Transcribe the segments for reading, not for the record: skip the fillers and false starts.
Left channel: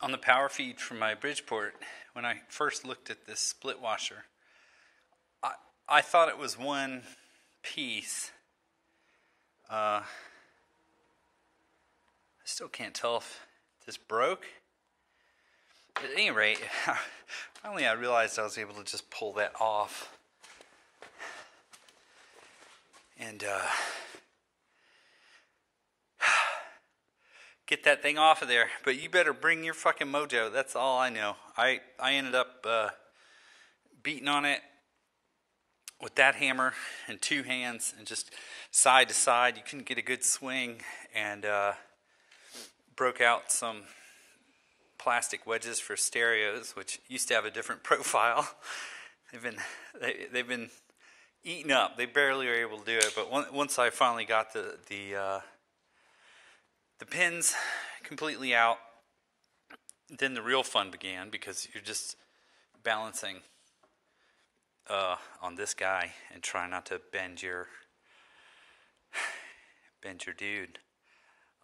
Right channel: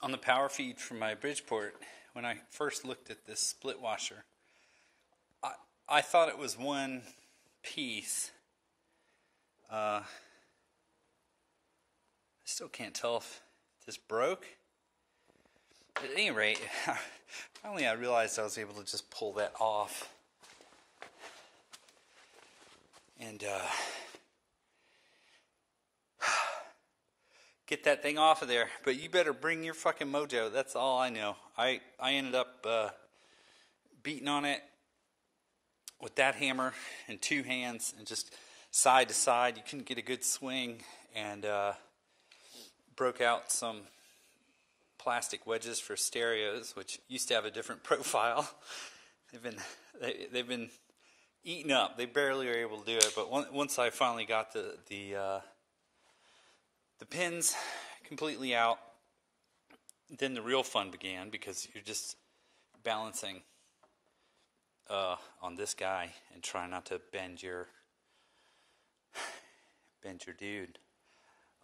on the power feed from my Bridgeport, when I first looked at this split washer, I thought it was one piece. I still can't tell if this broke. At any rate, finally I realized I was able to just pull that off. And get that thing off of there. But you better bring your fucking mojo. That's all I know. I ended up beating on it with that hammer and two hands and just side to side. You couldn't get a good swing, and broke out some plastic wedges for stereos, which used to have a different profile. They've been eaten up. They barely are able to do it. But once I finally got the pins completely out, then the real fun began, because you're just balancing on this guy and trying not to bend your dude.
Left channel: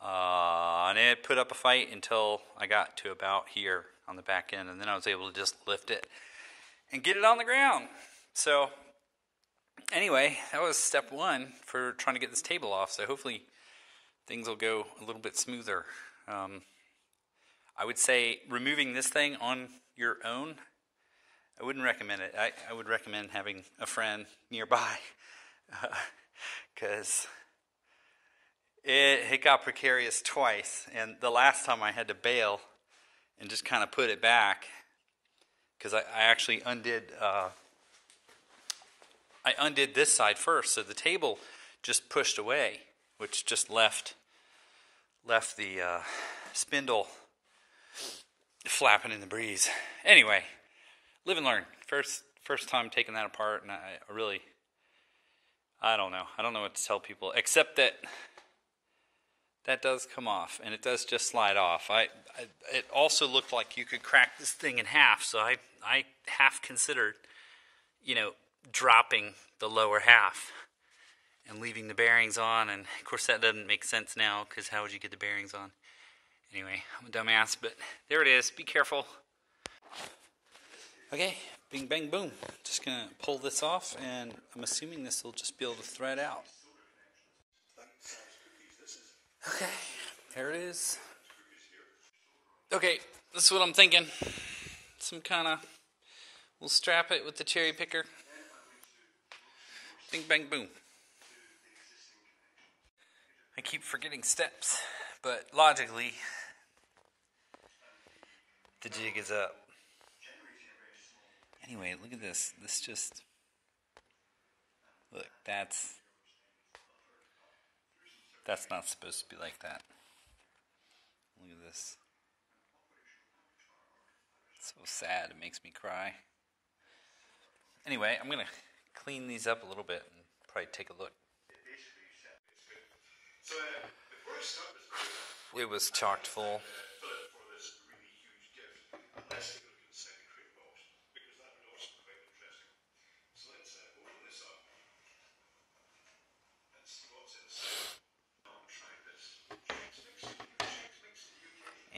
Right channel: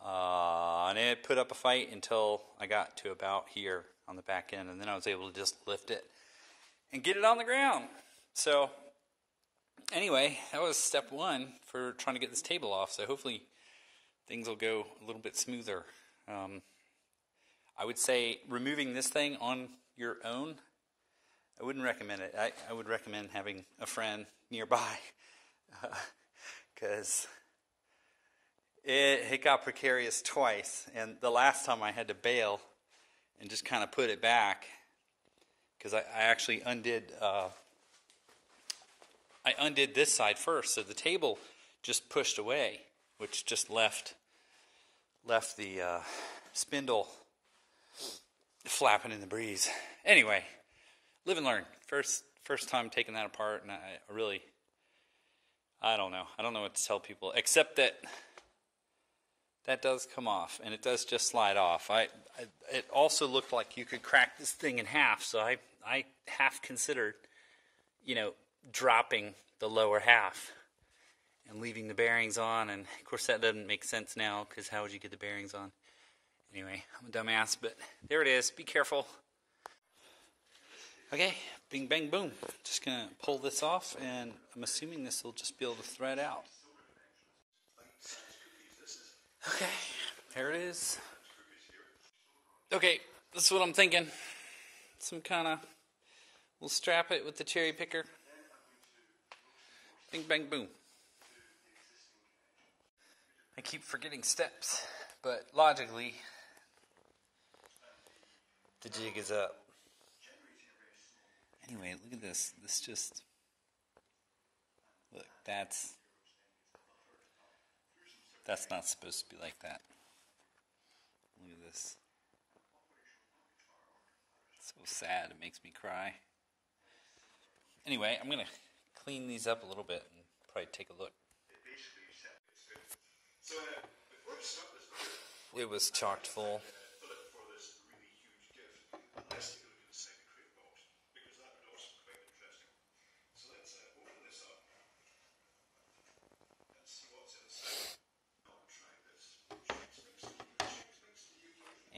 And it put up a fight until I got to about here on the back end, and then I was able to just lift it and get it on the ground. So anyway, that was step one for trying to get this table off. So hopefully things will go a little bit smoother. I would say removing this thing on your own, I wouldn't recommend it. I would recommend having a friend nearby, because it got precarious twice. And the last time I had to bail and just kind of put it back, because I actually undid this side first, so the table just pushed away, which just left the spindle flapping in the breeze. Anyway, live and learn. First time taking that apart, and I don't know. I don't know what to tell people, except that does come off, and it does just slide off. It also looked like you could crack this thing in half, so I half considered, dropping the lower half and leaving the bearings on, and of course that doesn't make sense now, because how would you get the bearings on? Anyway, I'm a dumbass, but there it is. Be careful. Okay, bing, bang, boom. Just going to pull this off, and I'm assuming this will just be able to thread out. Okay, there it is. Okay, this is what I'm thinking. We'll strap it with the cherry picker. Bing, bang, boom. I keep forgetting steps, but logically, the jig is up. Anyway, look at this. Look, that's not supposed to be like that. Look at this. It's so sad, it makes me cry. Anyway, I'm going to clean these up a little bit and probably take a look. It was chocked full.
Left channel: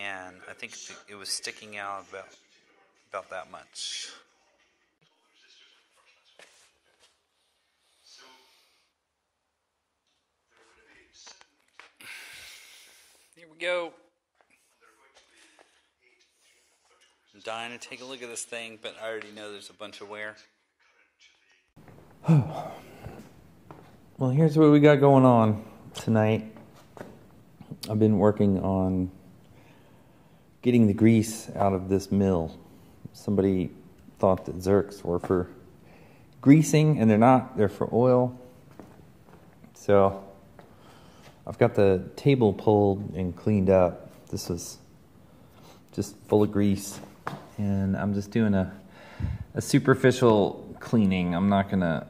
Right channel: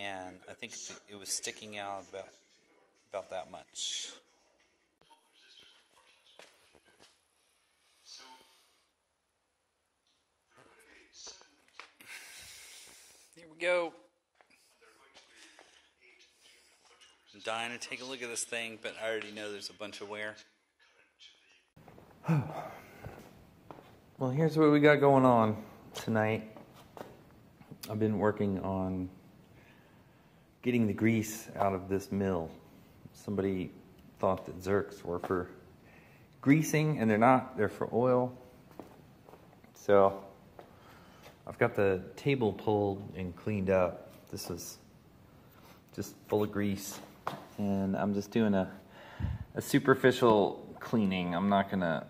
And I think it was sticking out about that much. Here we go. I'm dying to take a look at this thing, but I already know there's a bunch of wear. Well, here's what we got going on tonight. I've been working on getting the grease out of this mill. Somebody thought that Zerks were for greasing, and they're not. They're for oil. So I've got the table pulled and cleaned up. This was just full of grease, and I'm just doing a superficial cleaning. I'm not gonna,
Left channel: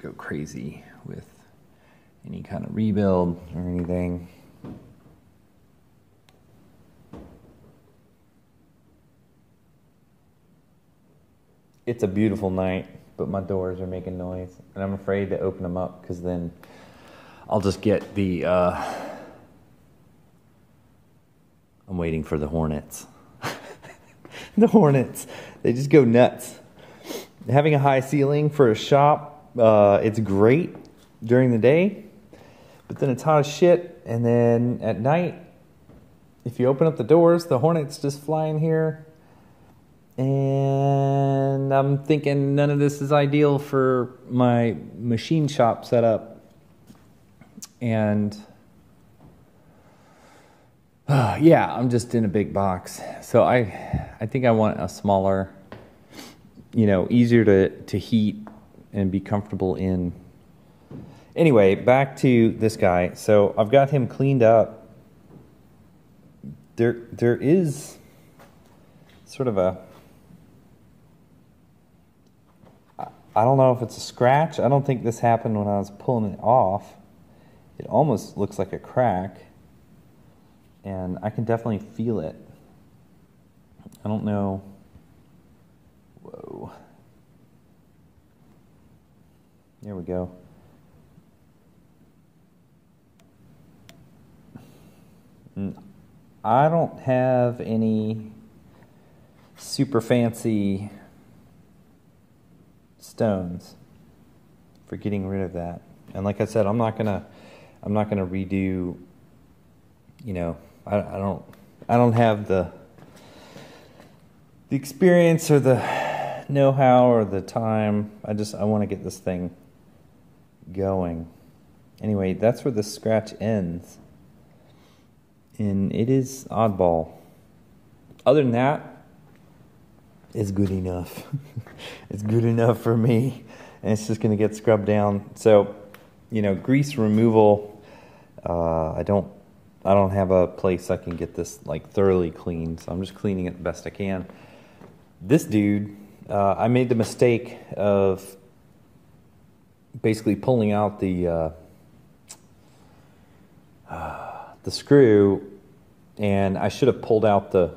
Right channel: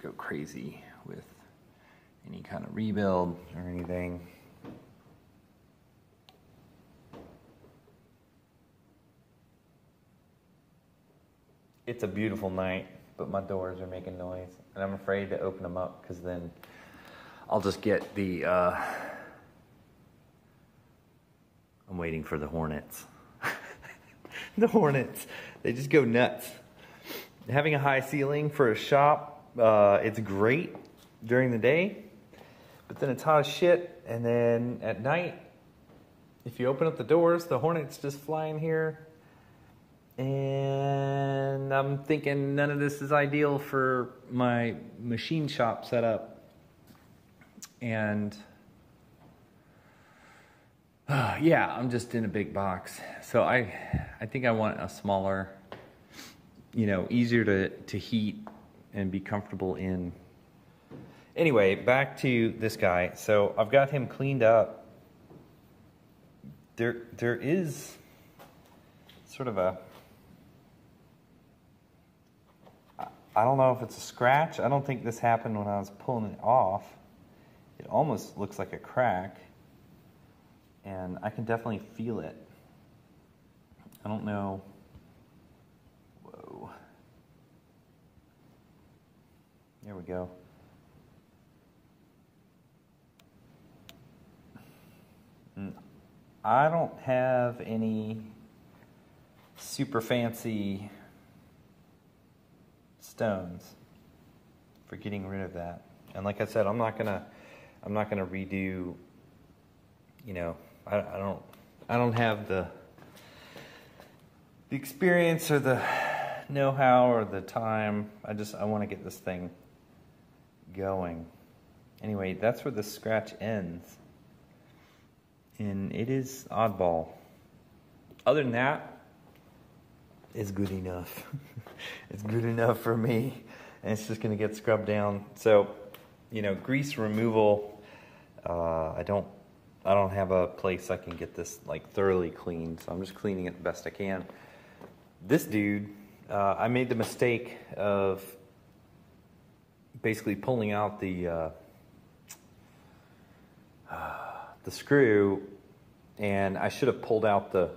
go crazy with any kind of rebuild or anything. It's a beautiful night, but my doors are making noise, and I'm afraid to open them up, because then I'll just get the I'm waiting for the hornets. The hornets, they just go nuts. Having a high ceiling for a shop, it's great during the day, but then it's hot as shit, and then at night, if you open up the doors, the hornets just fly in here, and I'm thinking none of this is ideal for my machine shop setup, and yeah, I'm just in a big box. So I think I want a smaller, easier to heat and be comfortable in. Anyway, back to this guy. So I've got him cleaned up. There is sort of a, I don't know if it's a scratch. I don't think this happened when I was pulling it off. It almost looks like a crack. And I can definitely feel it. I don't know. Whoa. There we go. I don't have any super fancy stones for getting rid of that. And like I said, I'm not gonna redo, I don't have the experience or the know-how or the time. I want to get this thing going. Anyway, that's where the scratch ends. And it is oddball. Other than that, it's good enough. It's good enough for me. And it's just going to get scrubbed down. So, grease removal, I don't have a place I can get this like thoroughly clean, so I'm just cleaning it the best I can. This dude, I made the mistake of basically pulling out the screw, and I should have pulled out the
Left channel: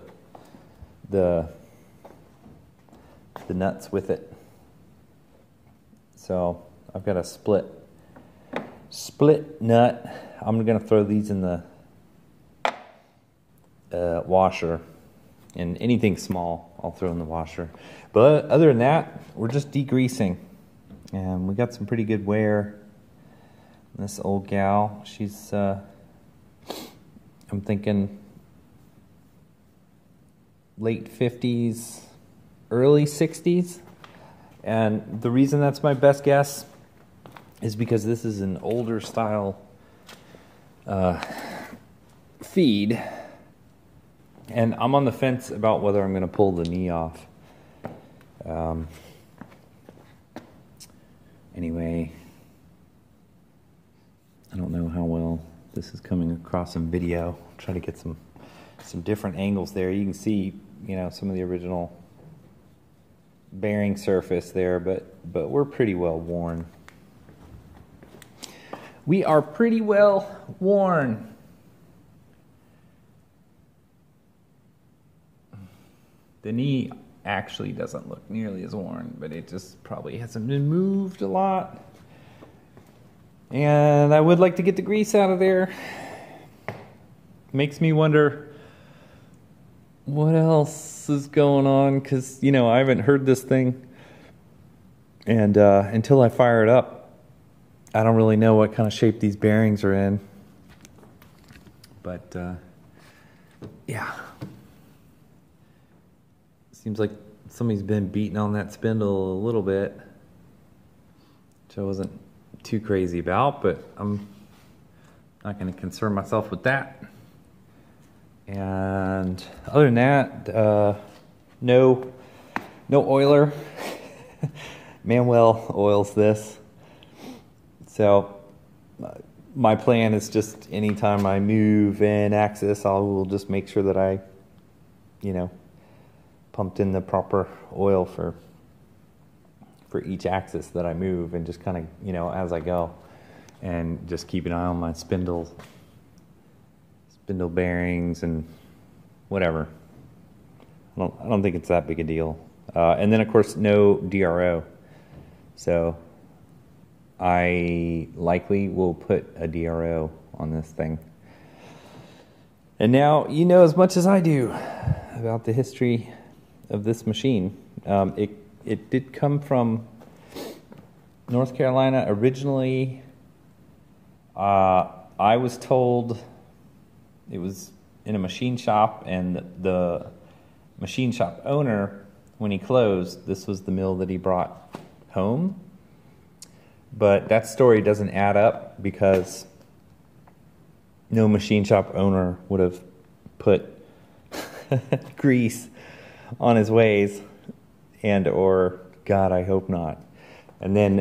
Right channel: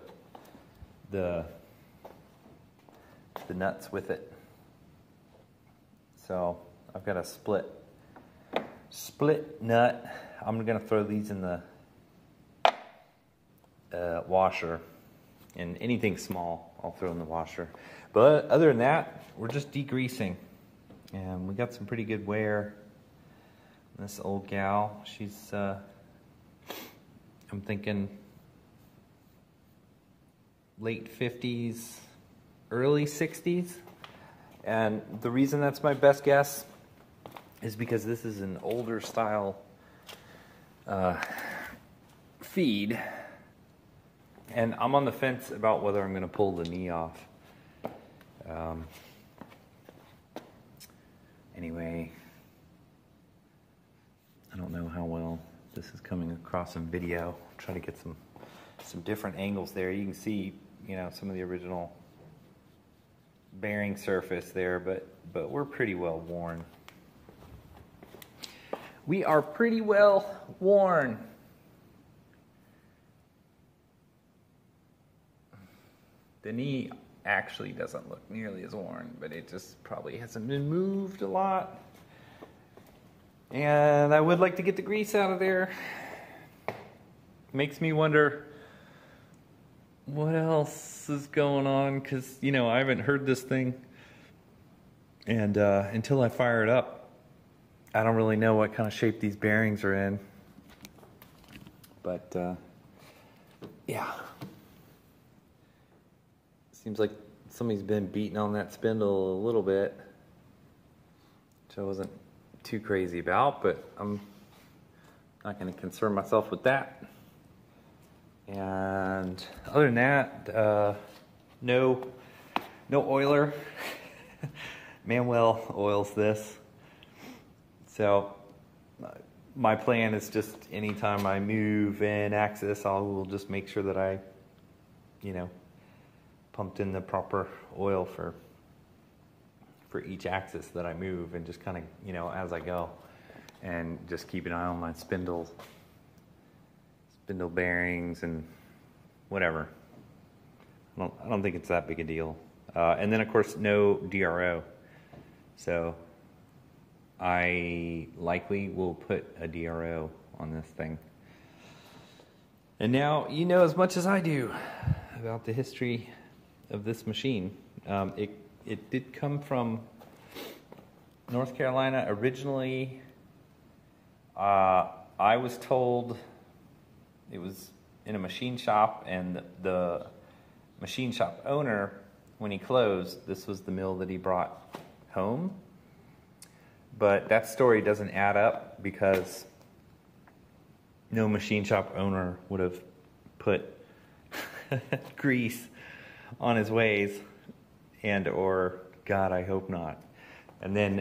nuts with it. So I've got a split nut. I'm gonna throw these in the washer, and anything small I'll throw in the washer. But other than that, we're just degreasing, and we got some pretty good wear. This old gal, she's I'm thinking late 50s, early 60s, and the reason that's my best guess is because this is an older style feed. And I'm on the fence about whether I'm going to pull the knee off. Anyway, I don't know how well this is coming across in video. I'll try to get some different angles there. You can see, some of the original bearing surface there, but we're pretty well worn. We are pretty well worn. The knee actually doesn't look nearly as worn, but it just probably hasn't been moved a lot. And I would like to get the grease out of there. Makes me wonder what else is going on, because, I haven't heard this thing. And until I fire it up, I don't really know what kind of shape these bearings are in. But, yeah. Seems like somebody's been beating on that spindle a little bit, which I wasn't too crazy about, but I'm not going to concern myself with that. And other than that, no oiler. Manuel oils this. So my plan is just anytime I move an axis, I will just make sure that I, pumped in the proper oil for each axis that I move, and just kind of, as I go, and just keep an eye on my spindle bearings and whatever. I don't think it's that big a deal. And then of course no DRO. So I likely will put a DRO on this thing. And now you know as much as I do about the history of this machine. It did come from North Carolina originally. I was told it was in a machine shop, and the machine shop owner, when he closed, this was the mill that he brought home. But that story doesn't add up because no machine shop owner would have put grease on his ways, and or, God, I hope not. And then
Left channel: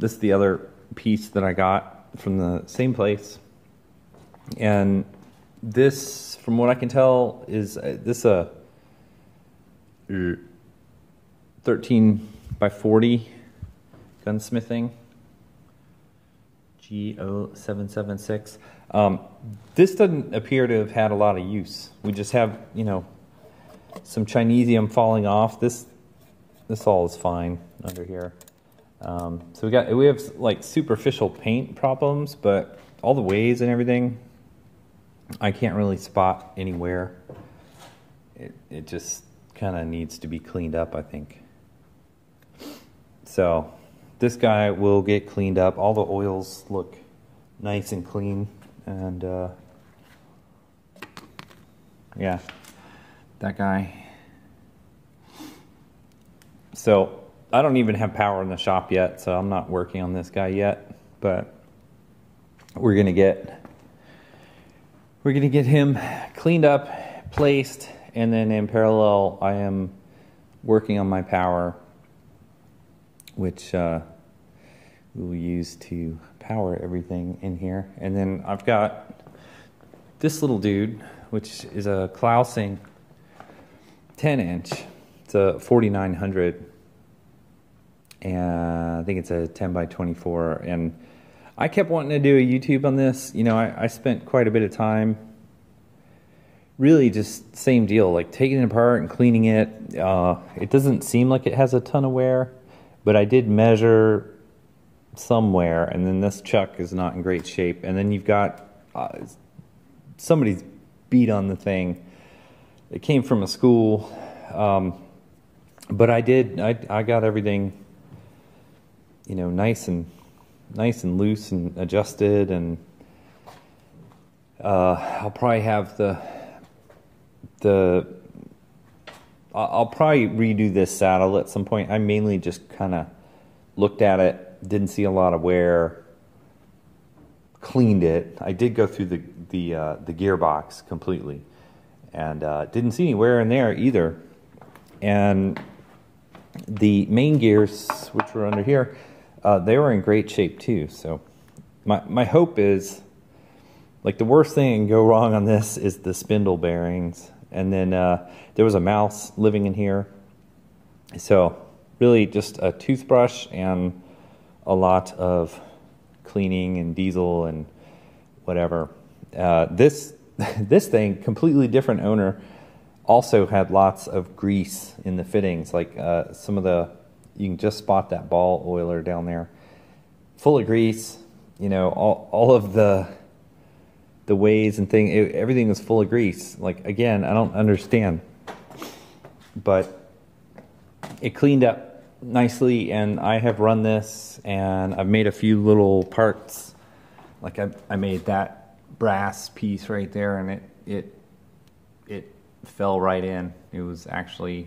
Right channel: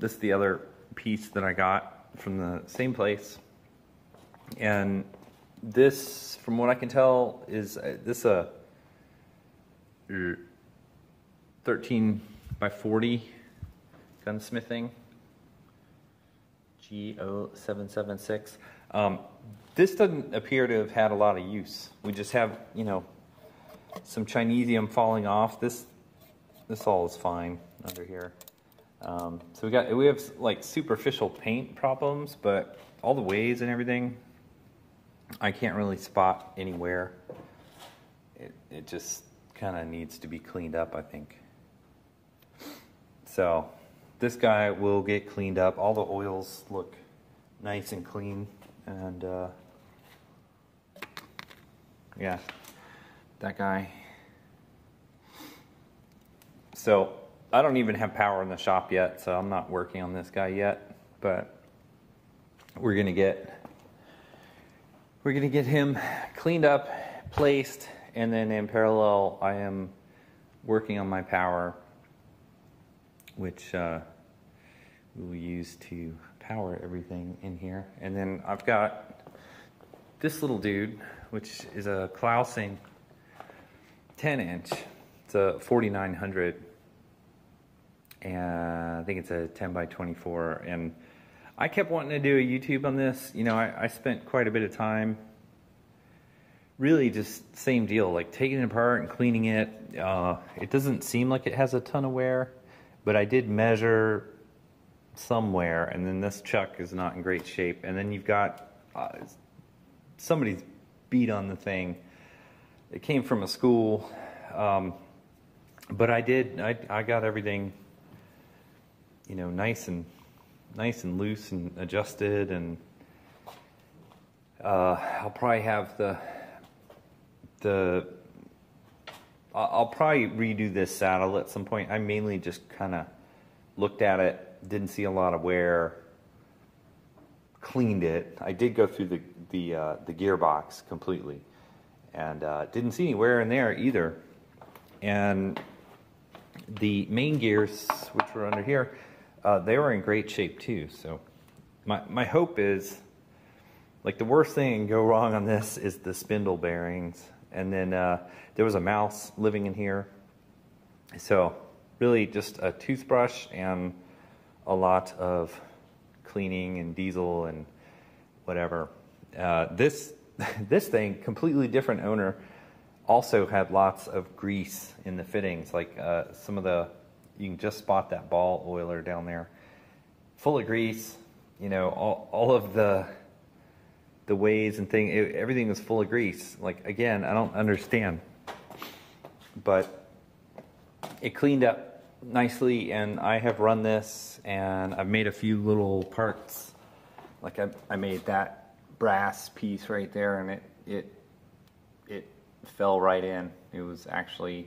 this is the other piece that I got from the same place. And this, from what I can tell, is this a 13 by 40 gunsmithing G0776. This doesn't appear to have had a lot of use. We just have, you know, some Chinesium falling off. This all is fine under here. So we have like superficial paint problems, but all the ways and everything, I can't really spot anywhere. It just kind of needs to be cleaned up, I think. So this guy will get cleaned up. All the oils look nice and clean, and yeah, that guy. So I don't even have power in the shop yet, so I'm not working on this guy yet, but we're gonna get him cleaned up, placed, and then in parallel I am working on my power, which we will use to power everything in here. And then I've got this little dude, which is a Clausing 10-inch. It's a 4900, and I think it's a 10 by 24. And I kept wanting to do a YouTube on this. You know, I spent quite a bit of time, really just same deal, like taking it apart and cleaning it. It doesn't seem like it has a ton of wear, but I did measure somewhere, and then this chuck is not in great shape. And then you've got somebody's beat on the thing. It came from a school, but I got everything, you know, nice and loose and adjusted, and I'll probably have I'll probably redo this saddle at some point. I mainly just kind of looked at it, didn't see a lot of wear, cleaned it. I did go through the gearbox completely, and didn't see any wear in there either. And the main gears, which were under here, they were in great shape too. So my hope is, like, the worst thing that can go wrong on this is the spindle bearings. And then there was a mouse living in here. So really just a toothbrush and a lot of cleaning and diesel and whatever. This thing, completely different owner, also had lots of grease in the fittings. Like some of the, you can just spot that ball oiler down there, full of grease. You know, all of the ways and everything was full of grease. Like, again, I don't understand, but it cleaned up nicely, and I have run this, and I've made a few little parts. Like I made that brass piece right there, and it fell right in. It was actually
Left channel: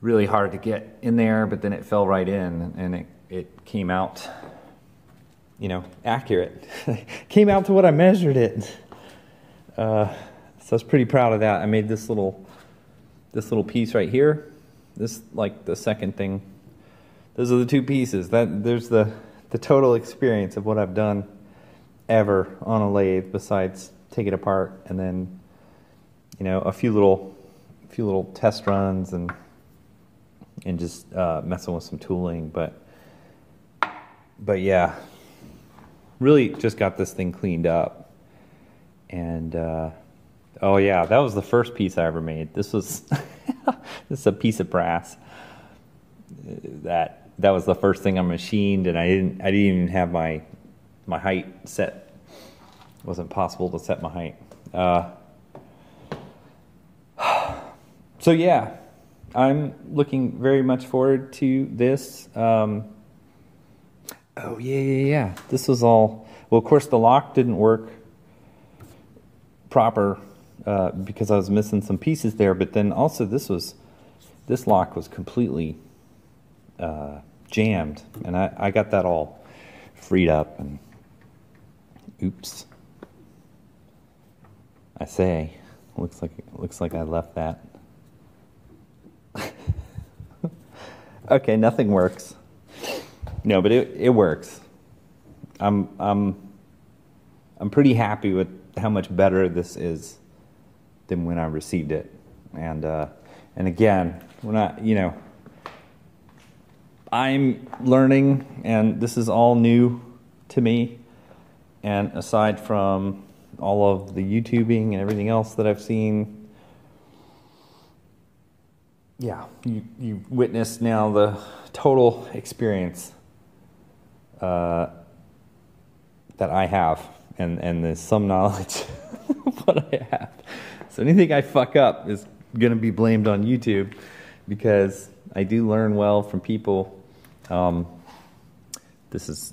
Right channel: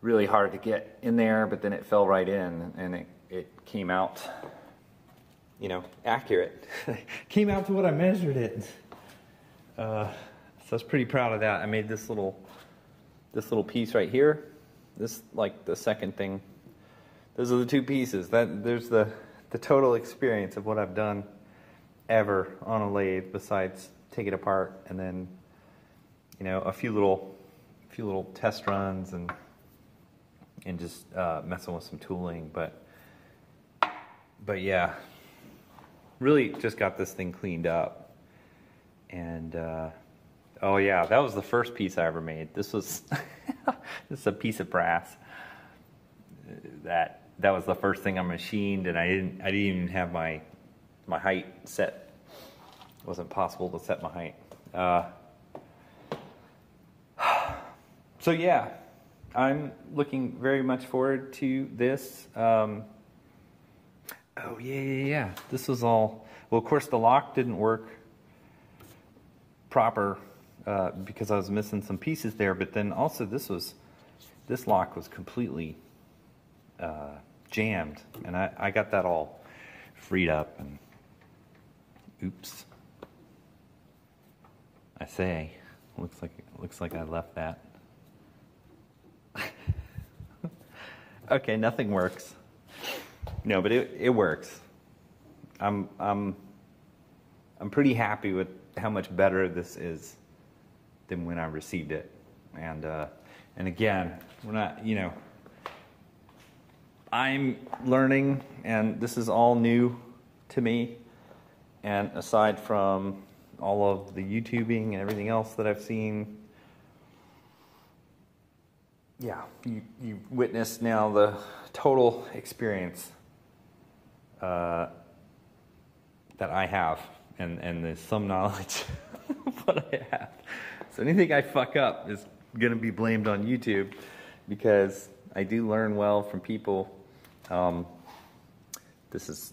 really hard to get in there, but then it fell right in, and it came out, you know, accurate. Came out to what I measured it. So I was pretty proud of that. I made this little piece right here. This, like, the second thing. Those are the two pieces. There's the total experience of what I've done ever on a lathe, besides take it apart and then, you know, a few little test runs and just messing with some tooling. But yeah, really just got this thing cleaned up. And oh yeah, that was the first piece I ever made. This was this is a piece of brass. That was the first thing I machined, and I didn't even have my height set wasn't possible to set my height. So yeah, I'm looking very much forward to this. Oh yeah. This was all, well, of course the lock didn't work proper because I was missing some pieces there, but then also this lock was completely jammed, and I got that all freed up, and oops, I say, looks like I left that. Okay, nothing works. No, but it works. I'm pretty happy with how much better this is than when I received it. And again, we're not, I'm learning, and this is all new to me. And aside from all of the YouTubing and everything else that I've seen, yeah, you've witnessed now the total experience that I have, and there's some knowledge of what I have. So anything I fuck up is going to be blamed on YouTube, because I do learn well from people. This is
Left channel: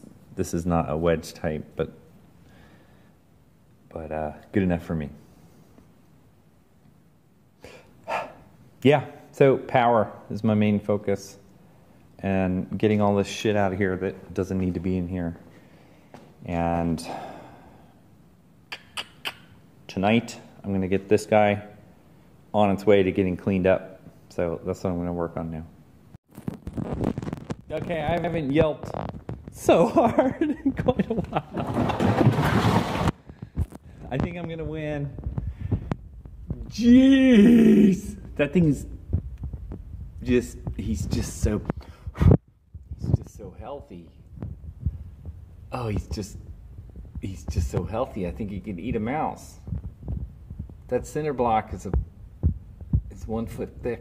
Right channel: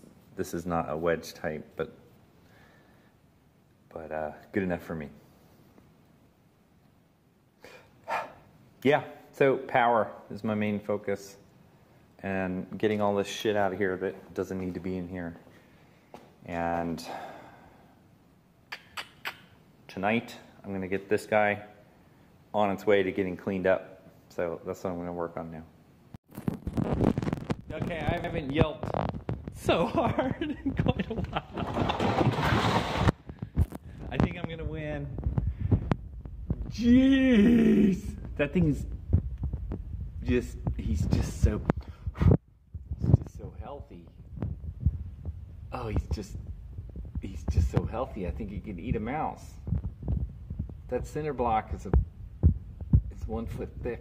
not a wedge type, but good enough for me. Yeah, so power is my main focus, and getting all this shit out of here that doesn't need to be in here. And tonight I'm going to get this guy on its way to getting cleaned up. So that's what I'm going to work on now. Okay, I haven't yelped so hard in quite a while. I think I'm going to win. Jeez! That thing's he's just so healthy. Oh, he's just so healthy. I think he could eat a mouse. That center block is 1 foot thick.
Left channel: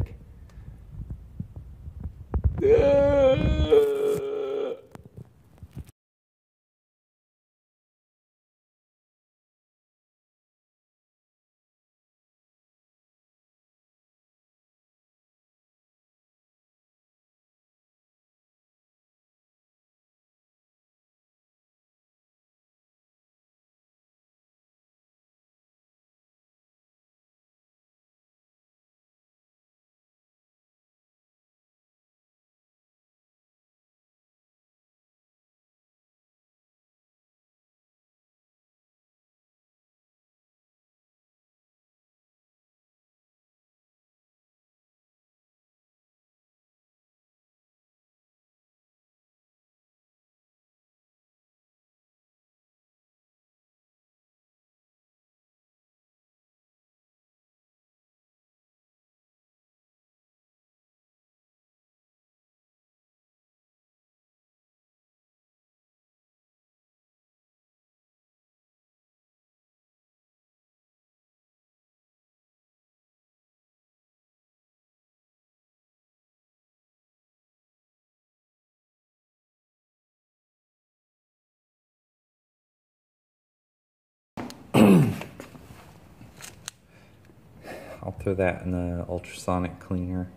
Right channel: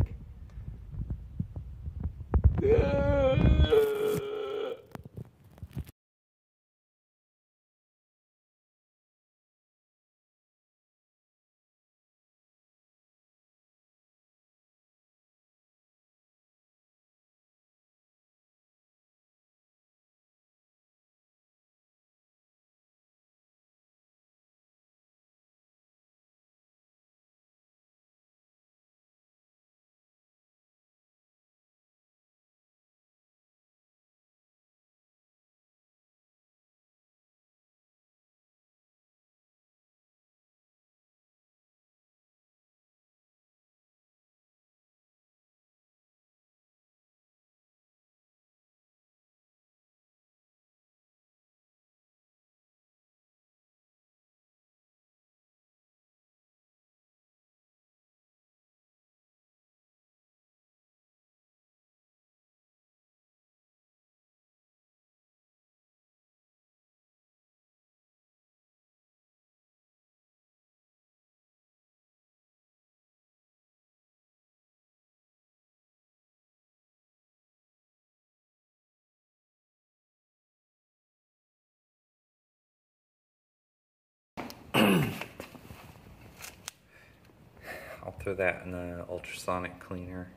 I'll throw that in the ultrasonic cleaner.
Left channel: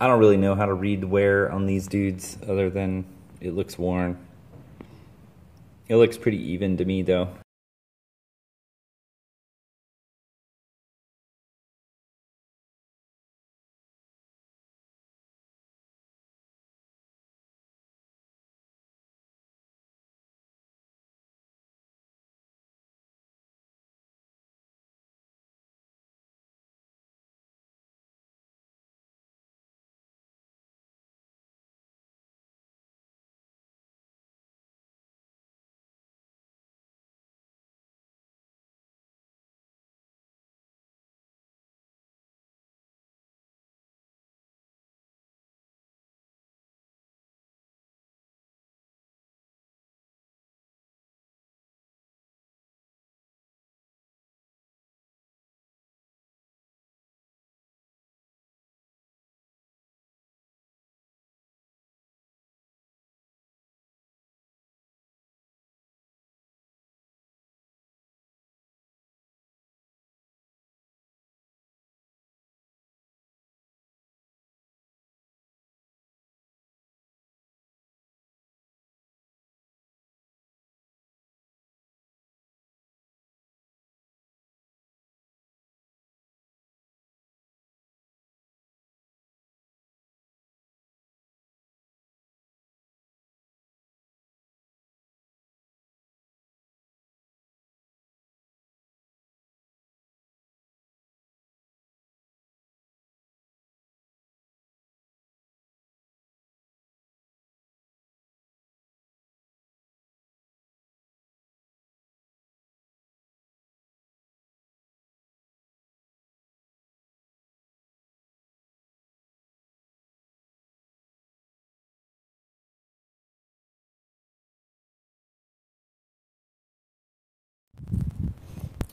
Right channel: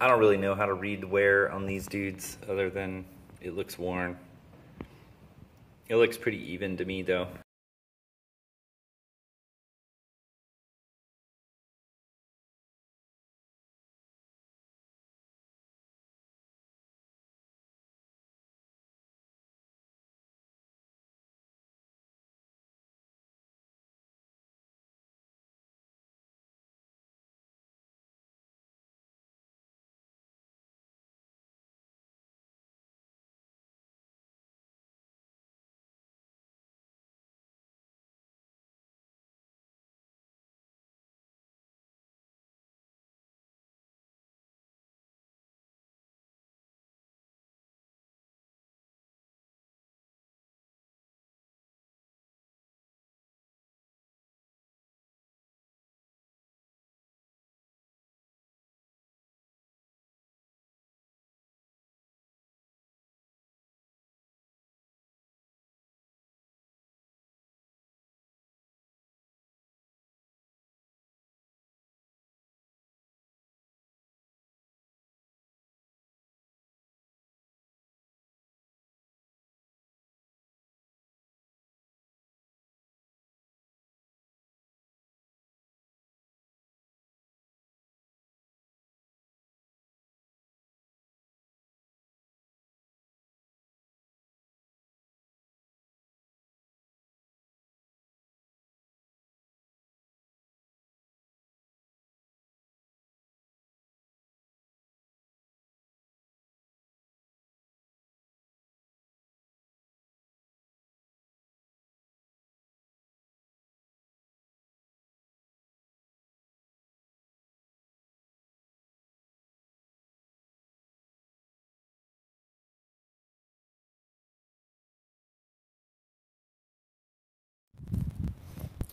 I don't really know how to read the wear on these dudes other than it looks worn. It looks pretty even to me though.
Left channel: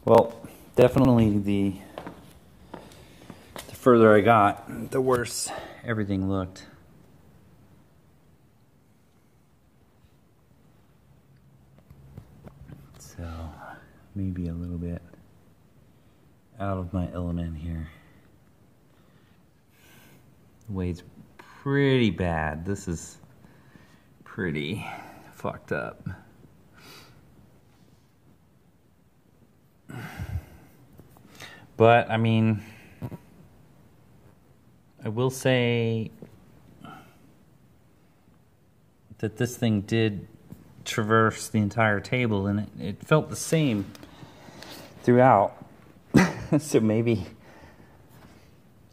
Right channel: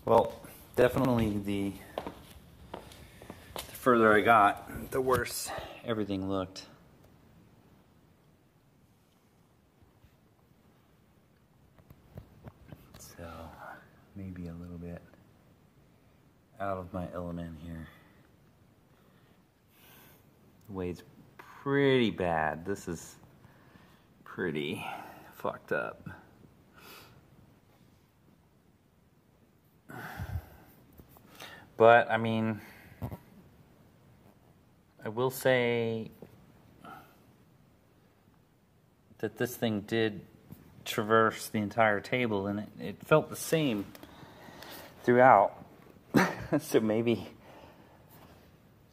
Well, definitely the further I got, the worse everything looked. So, maybe a little bit out of my element here. The wade's pretty bad. This is pretty fucked up. But, I mean, I will say that this thing did traverse the entire table, and it felt the same throughout. So maybe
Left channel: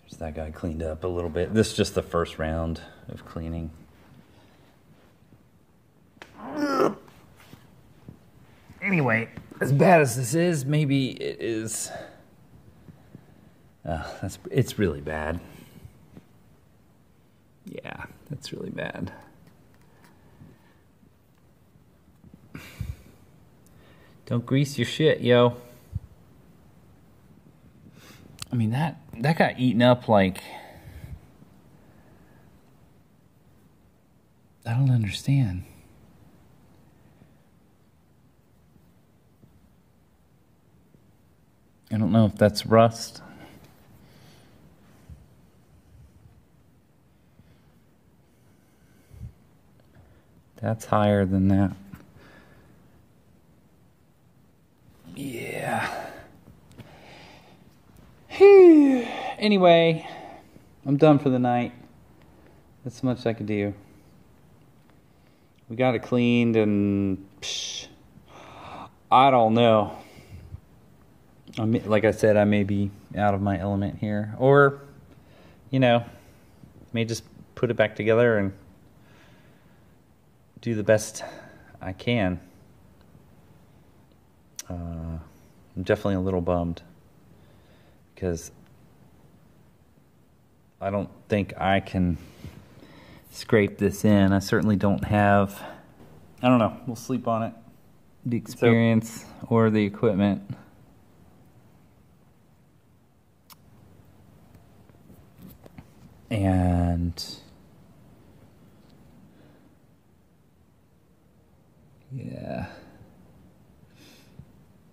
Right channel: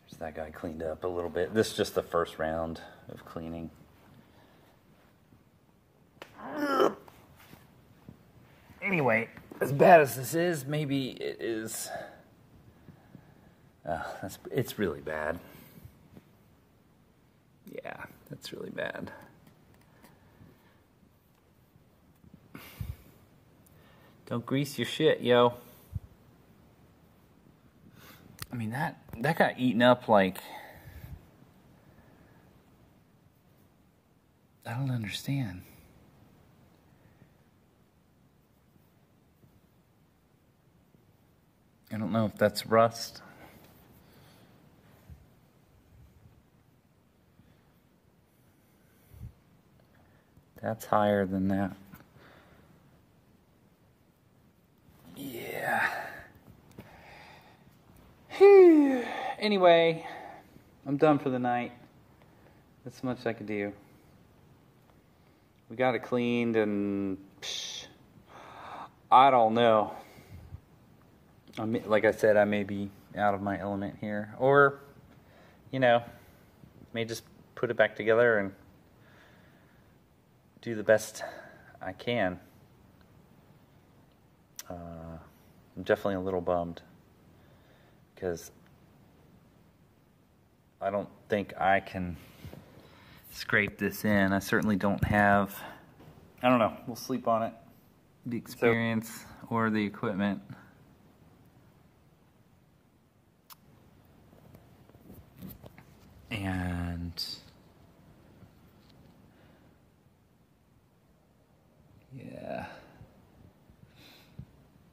there's that guy cleaned up a little bit. This is just the first round of cleaning. Anyway, as bad as this is, maybe it is. It's really bad. Yeah, that's really bad. Don't grease your shit, yo. I mean, that got eaten up like... I don't understand. I don't know if that's rust. That's higher than that. Yeah. Whew. Anyway, I'm done for the night. That's so much I could do. We got it cleaned and I don't know. Like I said, I may be out of my element here. Or, you know, may just put it back together and do the best I can. I'm definitely a little bummed because I don't think I can scrape this in. I certainly don't have, I don't know, we'll sleep on it, the experience or the equipment. And yeah,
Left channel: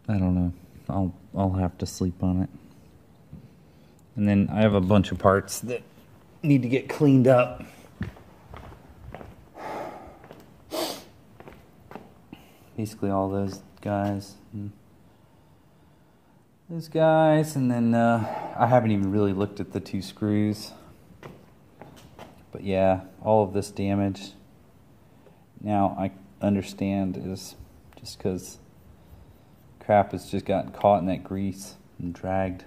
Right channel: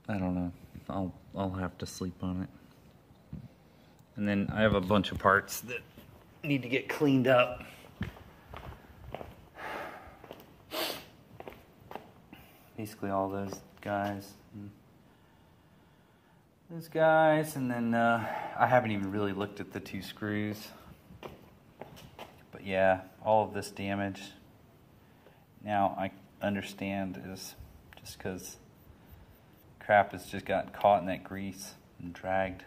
I don't know. I'll have to sleep on it. And then I have a bunch of parts that need to get cleaned up. Basically all those guys. And then I haven't even really looked at the 2 screws. But yeah, all of this damage. Now I understand is just because crap has just gotten caught in that grease and dragged.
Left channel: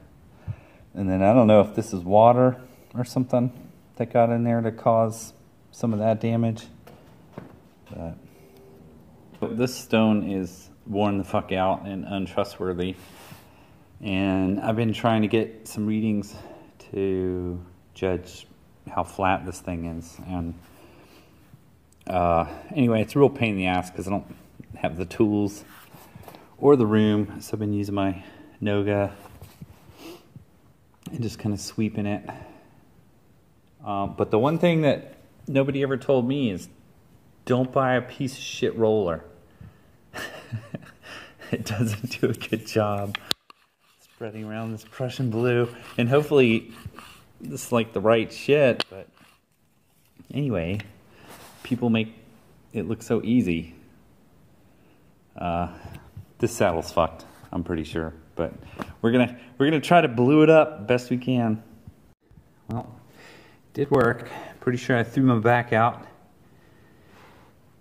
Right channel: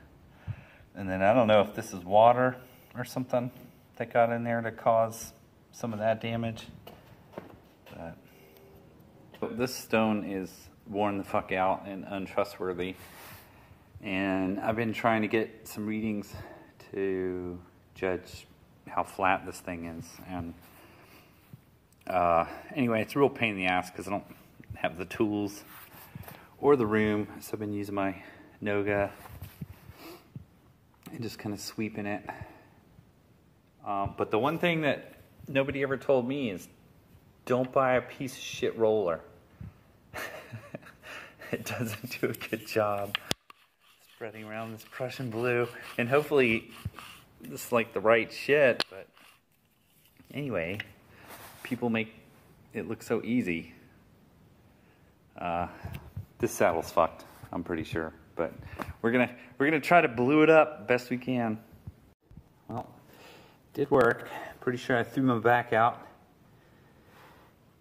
And then I don't know if this is water or something that got in there to cause some of that damage. But this stone is worn the fuck out and untrustworthy. And I've been trying to get some readings to judge how flat this thing is. And anyway, it's a real pain in the ass because I don't have the tools or the room, so I've been using my Noga and just kind of sweeping it. But the one thing that nobody ever told me is don't buy a piece of shit roller. It doesn't do a good job spreading around this Prussian blue, and hopefully this is like the right shit. But anyway, people make it look so easy. This saddle's fucked, I'm pretty sure, but we're gonna try to blue it up best we can. Well, it did work. Pretty sure I threw my back out,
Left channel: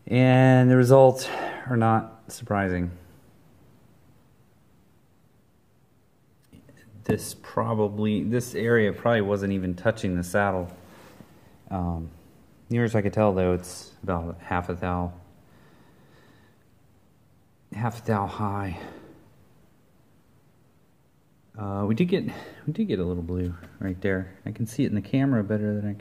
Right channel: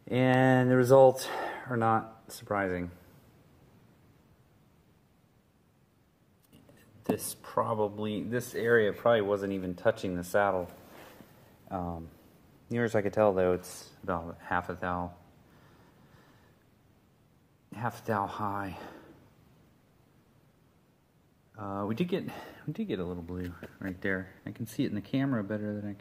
and the results are not surprising. This area probably wasn't even touching the saddle. Near as I could tell, though, it's about half a thou high. We did get a little blue right there. I can see it in the camera better than I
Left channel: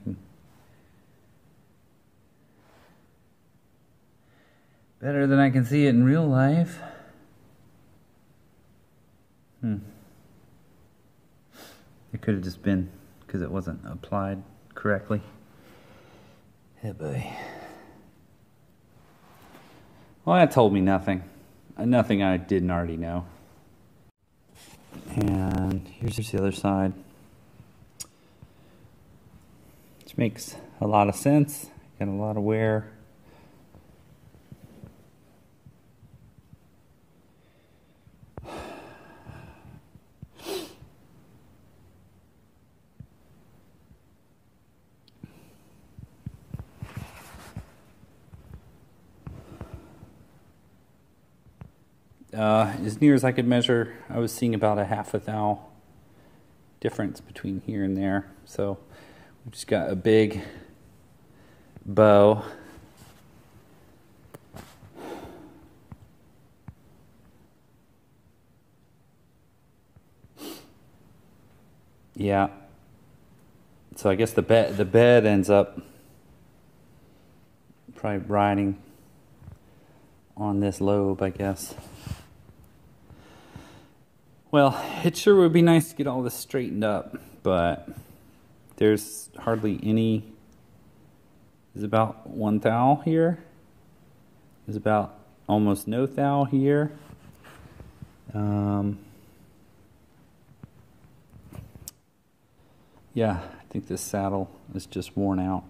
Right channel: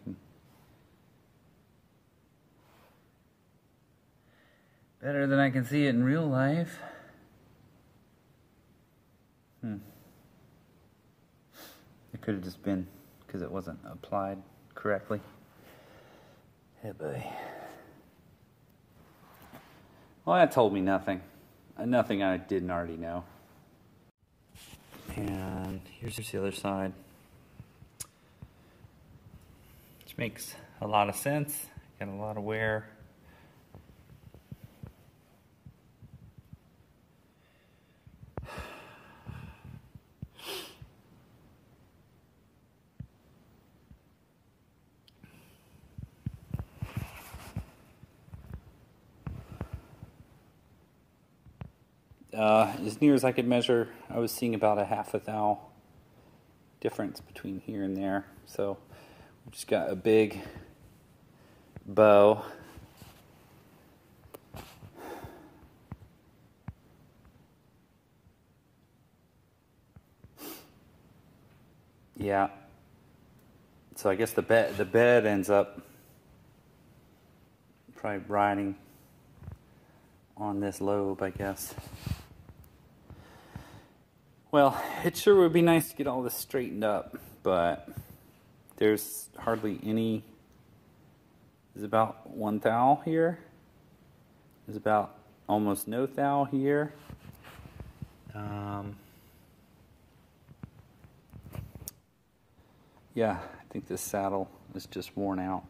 can see it in real life. It could have just been because it wasn't applied correctly. Hey, boy. Well, that told me nothing. Nothing I didn't already know. And here's the other side. Which makes a lot of sense. Got a lot of wear. As near as I could measure, I was seeing about a half a thou difference between here and there. So we just got a big bow. Yeah. So I guess the bed ends up probably riding on this lobe, I guess. Well, it sure would be nice to get all this straightened up, but there's hardly any. There's about 1 thou here. There's about almost no thou here. Yeah, I think this saddle is just worn out.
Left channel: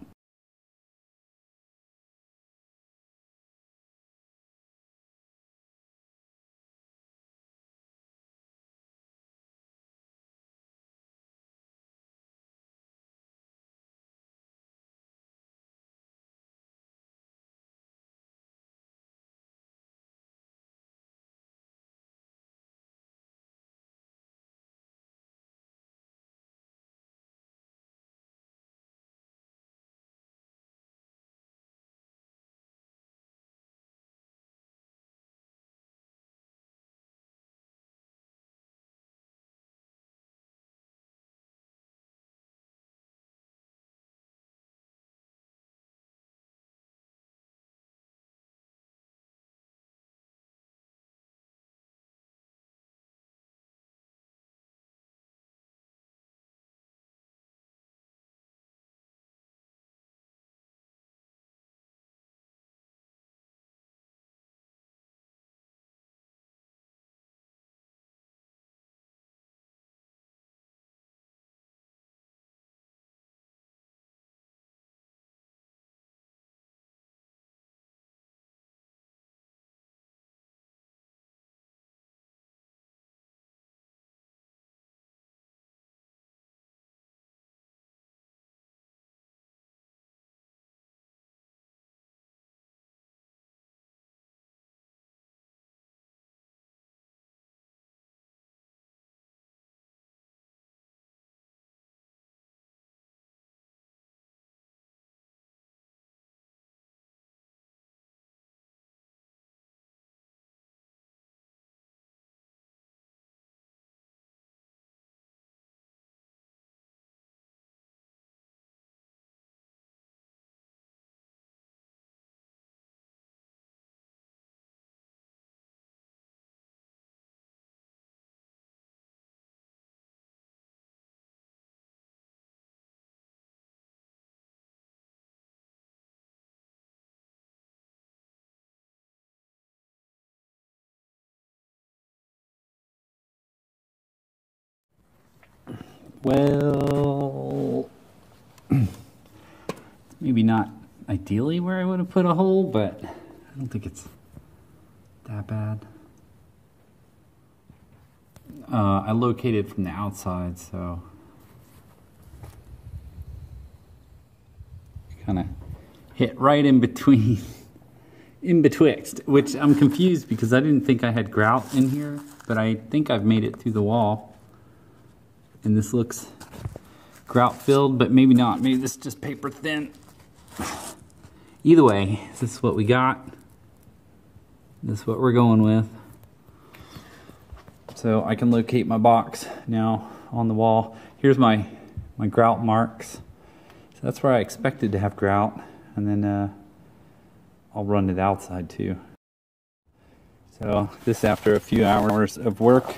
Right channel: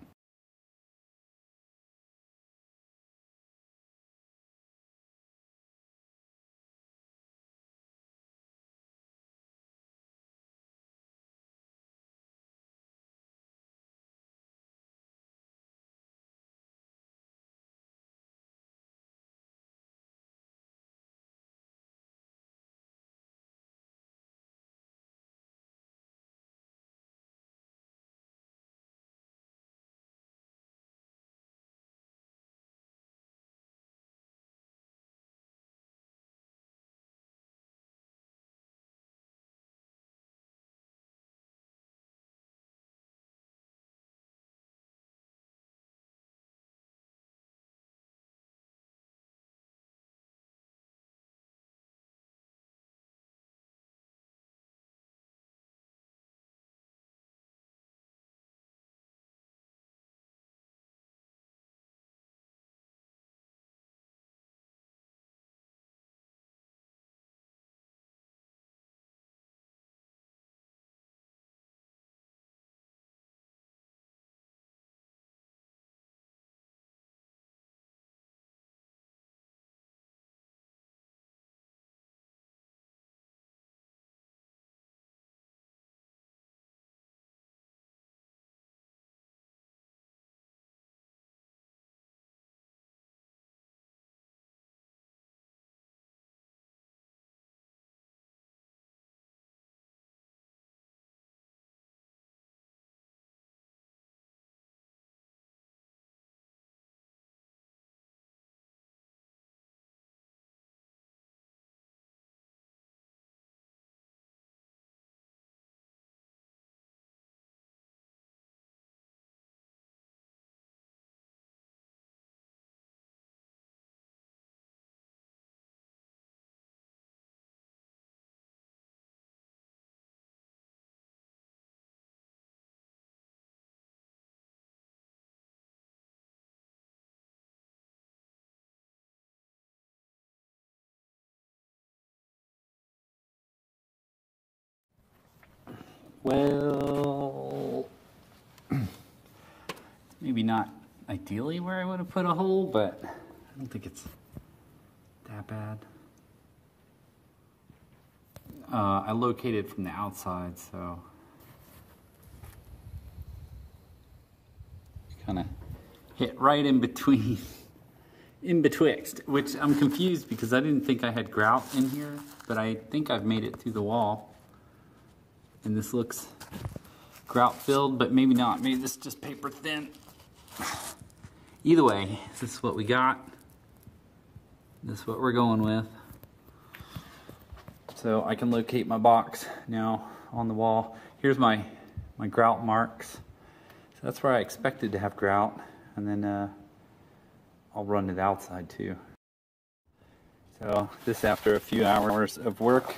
Well, maybe not ideally where I would have put a hole, but I don't think it's that bad. I located from the outside, so kind of hit right in between, in betwixt, which I'm confused because I didn't think I had grout in here, but I think I've made it through the wall. And this looks grout filled, but maybe not. Maybe this is just paper thin. Either way, this is what we got. This is what we're going with. So I can locate my box now on the wall. Here's my grout marks. So that's where I expected to have grout. And then I'll run it outside too. So this after a few hours of work.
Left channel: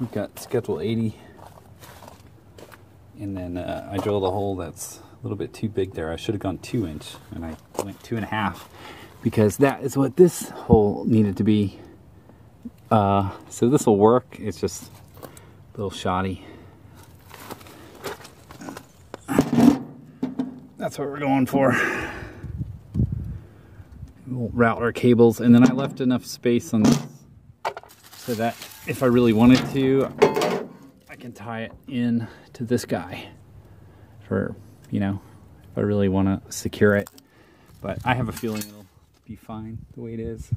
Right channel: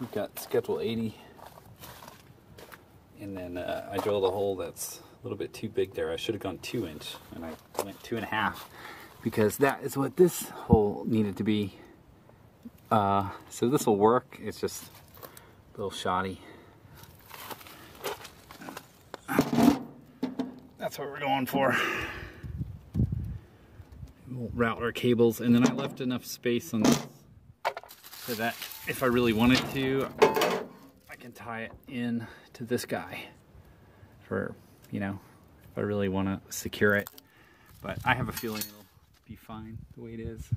we've got schedule 80. And then I drilled a hole that's a little bit too big there. I should have gone 2 inch, and I went 2.5 because that is what this hole needed to be. So this will work. It's just a little shoddy. That's what we're going for. We'll route our cables, and then I left enough space on this so that if I really wanted to, I can tie it in to this guy for, you know, if I really want to secure it. But I have a feeling it'll be fine the way it is.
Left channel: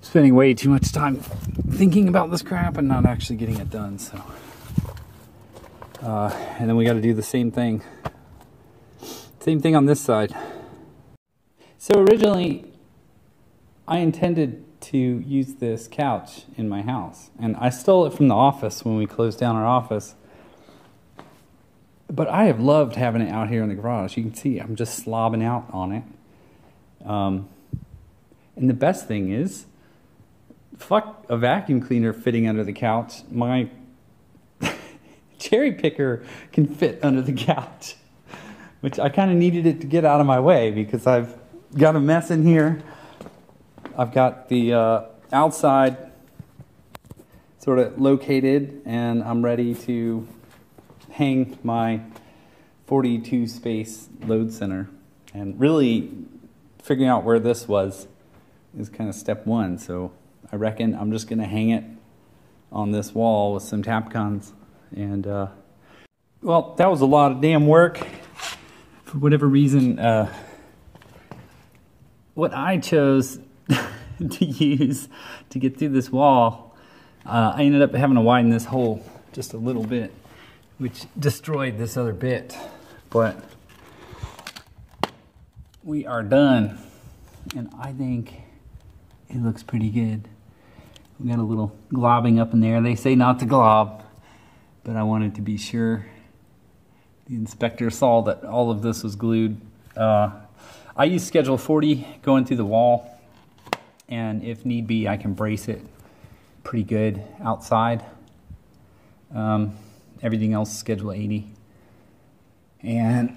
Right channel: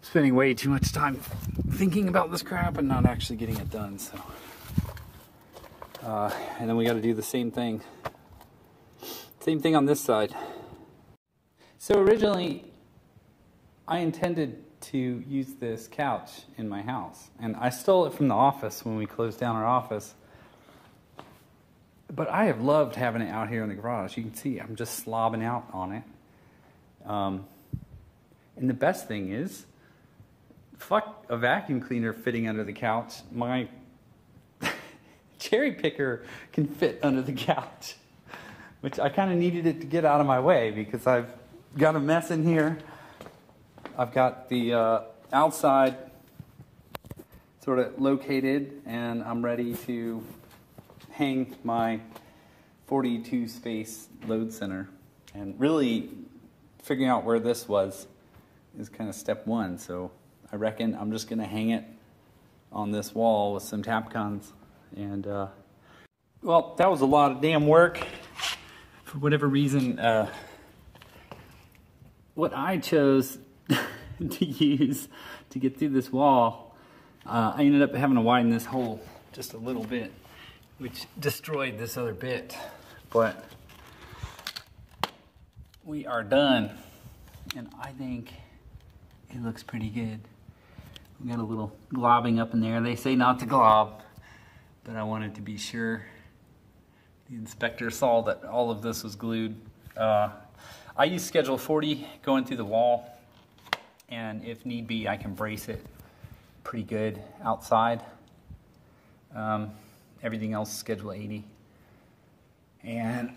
Spending way too much time thinking about this crap and not actually getting it done, so. And then we got to do the same thing. Same thing on this side. So originally, I intended to use this couch in my house, and I stole it from the office when we closed down our office. But I have loved having it out here in the garage. You can see I'm just slobbing out on it. And the best thing is, fuck a vacuum cleaner fitting under the couch. My cherry picker can fit under the couch, which I kind of needed it to get out of my way because I've got a mess in here. I've got the outside sort of located, and I'm ready to hang my 42 space load center. And really figuring out where this was is kind of step one. So I reckon I'm just going to hang it on this wall with some Tapcons. And well, that was a lot of damn work. For whatever reason, what I chose to use to get through this wall, I ended up having to widen this hole just a little bit, which destroyed this other bit. But we are done, and I think it looks pretty good. We got a little globbing up in there. They say not to glob, but I wanted to be sure. The inspector saw that all of this was glued. I use schedule 40 going through the wall, and if need be, I can brace it pretty good outside. Everything else is schedule 80. And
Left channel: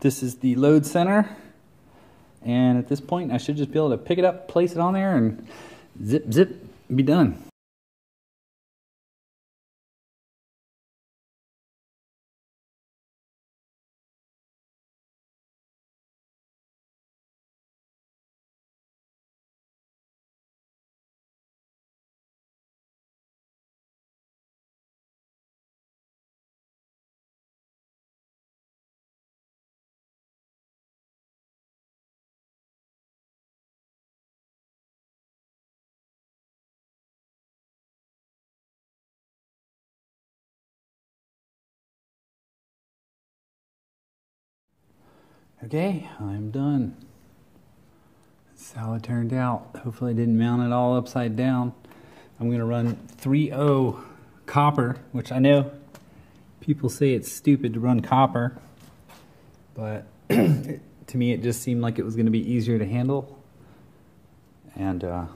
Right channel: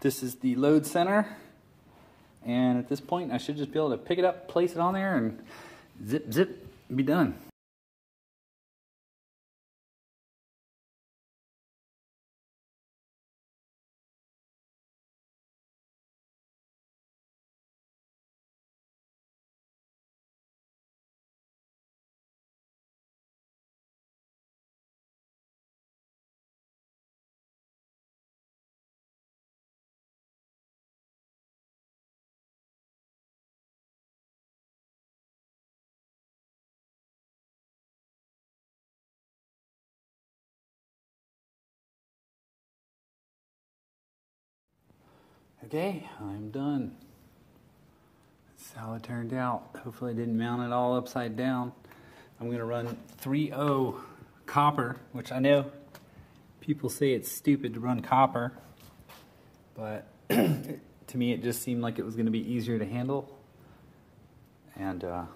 this is the load center. And at this point, I should just be able to pick it up, place it on there, and zip, zip, be done. Okay, I'm done. That's how it turned out. Hopefully I didn't mount it all upside down. I'm going to run 3.0 copper, which I know people say it's stupid to run copper, but to me it just seemed like it was going to be easier to handle. And I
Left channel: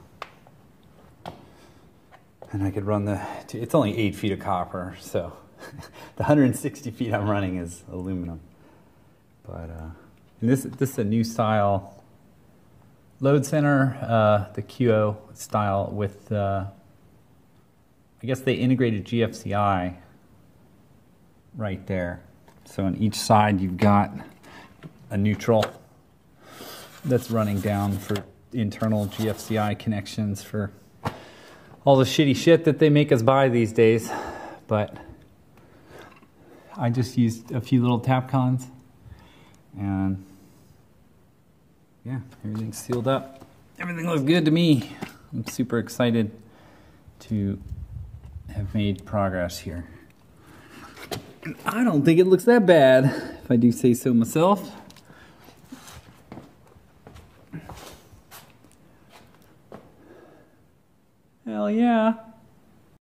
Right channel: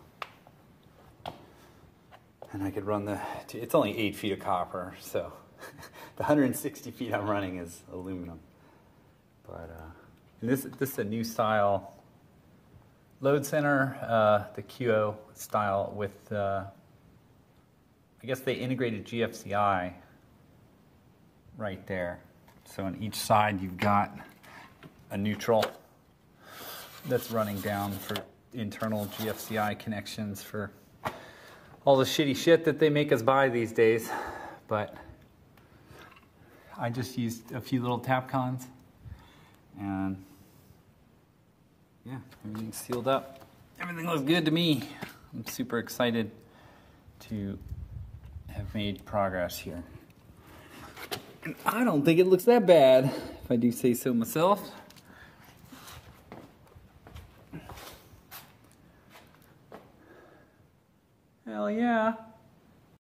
could run it's only 8 feet of copper, so the 160 feet I'm running is aluminum. But and this is a new style load center, the QO style with, I guess they integrated GFCI right there. So on each side you've got a neutral that's running down for internal GFCI connections for all the shitty shit that they make us buy these days. But I just used a few little Tapcons. And yeah, everything's sealed up. Everything looks good to me. I'm super excited to have made progress here. And I don't think it looks that bad, if I do say so myself. Hell yeah.